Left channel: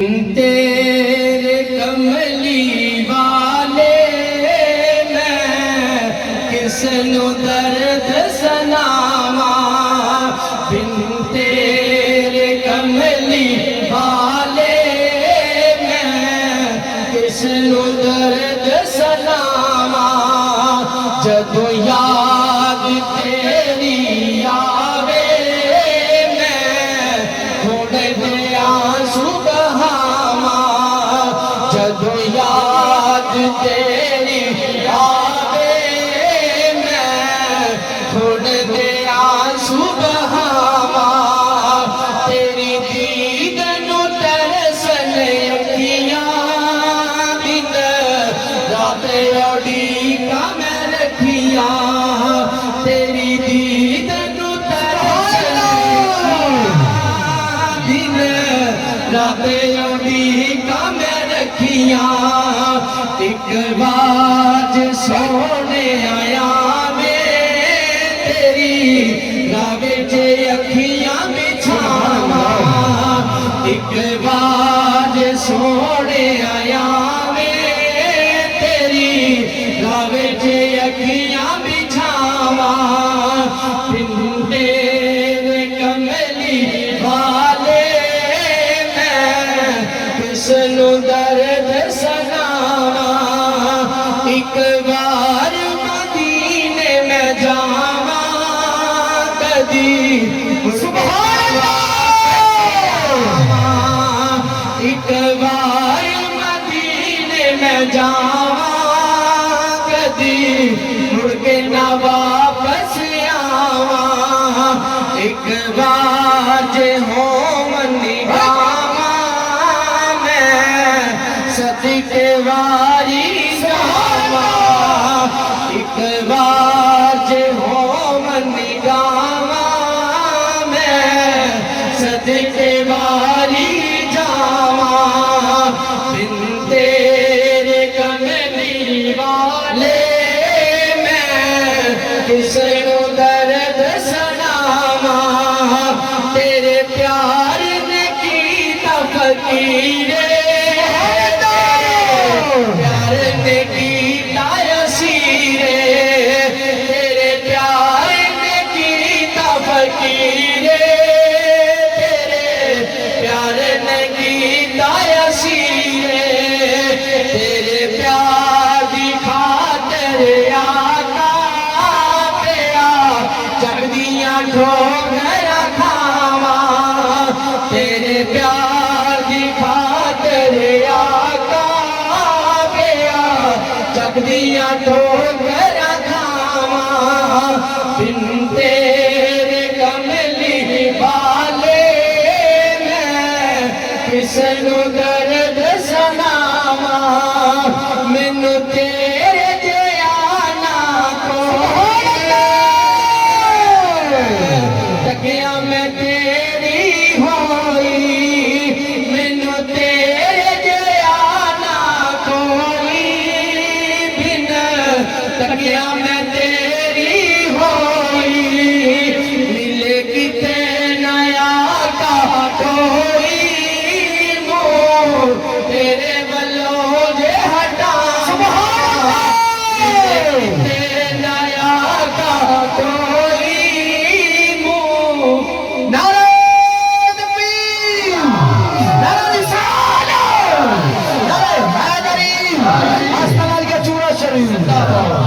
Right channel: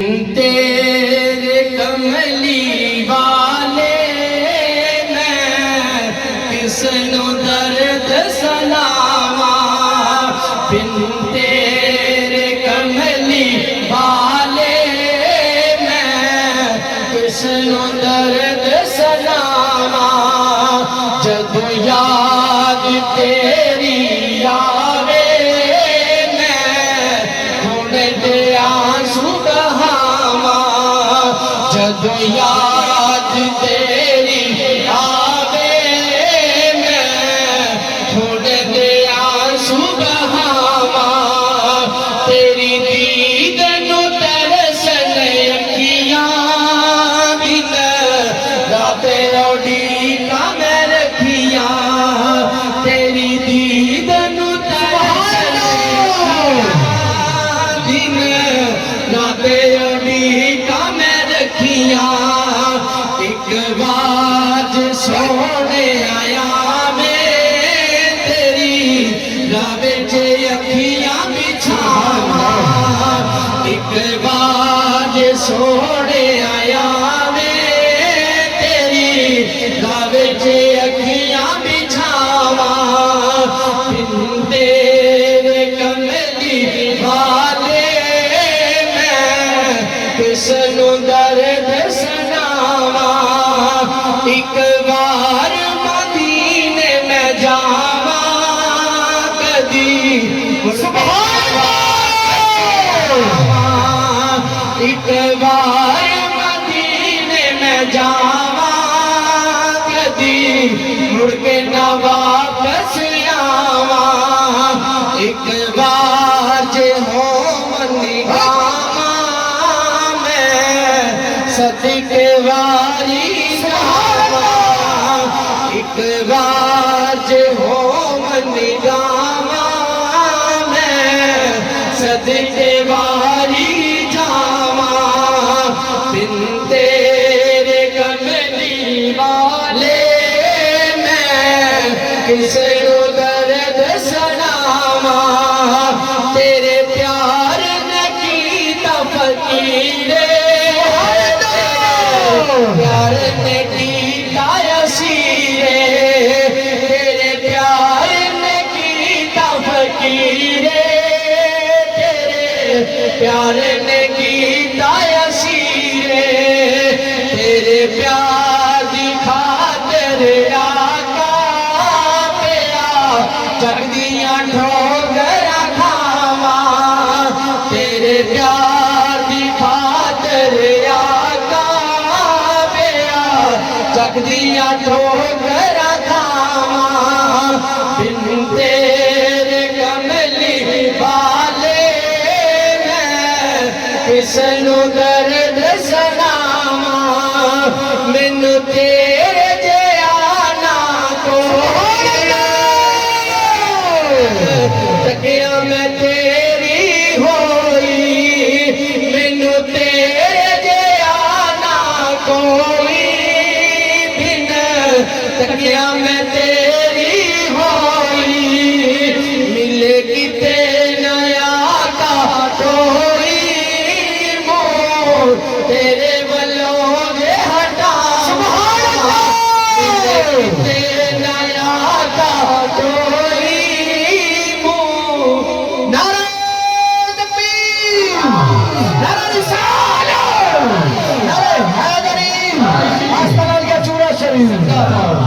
तेरे कमली वाले मैं किसनु दर्द सनावा बिन तेरे कमली वाले मैं किसनु दर्द सनावा जदों याद तेरी आवे मैं थोड़े दे आंसू जदों याद तेरी आवे मैं थोड़े दे आंसू बहावा तेरी दीद नू तरसन अखियां बिन राते उड़ीका मैं रखिया तेरी दीद नू तरसन बिन राते उड़ीका एक बाज सोने आया मैं तेरी रावे चे अखियां बिछावा एक बाज सोने आया मैं तेरी रावे चे अखियां बिछावा बिन तेरे कमली वाले मैं किसनु दर्द एक बार मदीने में जावा कदी सुभान अल्लाह एक बार मदीने में जावा कदी मुड़ के ना वापस आवा एक बार जे हो मनी गावा मैं सदके वारी एक बाज हो मन गावा मैं सदके वारी जावा बिन तेरे कमली वाले मैं किसनु दर्द सनावा तेरे प्यार ने कीता फकीरे प्यार ने कीता तेरे प्यार ने कीता फकीरे तेरे प्यार ने कीता असीरे तेरे प्यार दी खातिर आका तेरा चढ़दियां ठोकर खावा तेरे प्यार दी खातिर आका तेरा चढ़दियां ठोकर बिन तेरे कमली वाले मैं किसनु दर्द सुनावा मैनू तेरे जिया कोई तकिया मैं तेरी होई मैनू तेरे जिया कोई बिन तकिया मैं तेरे वल्लों जे हटा तेरे नया का कोई मुंह नारे तकबीर नारे रिसालत नारे हैदरी अस्पताल का चूड़ा शरीफ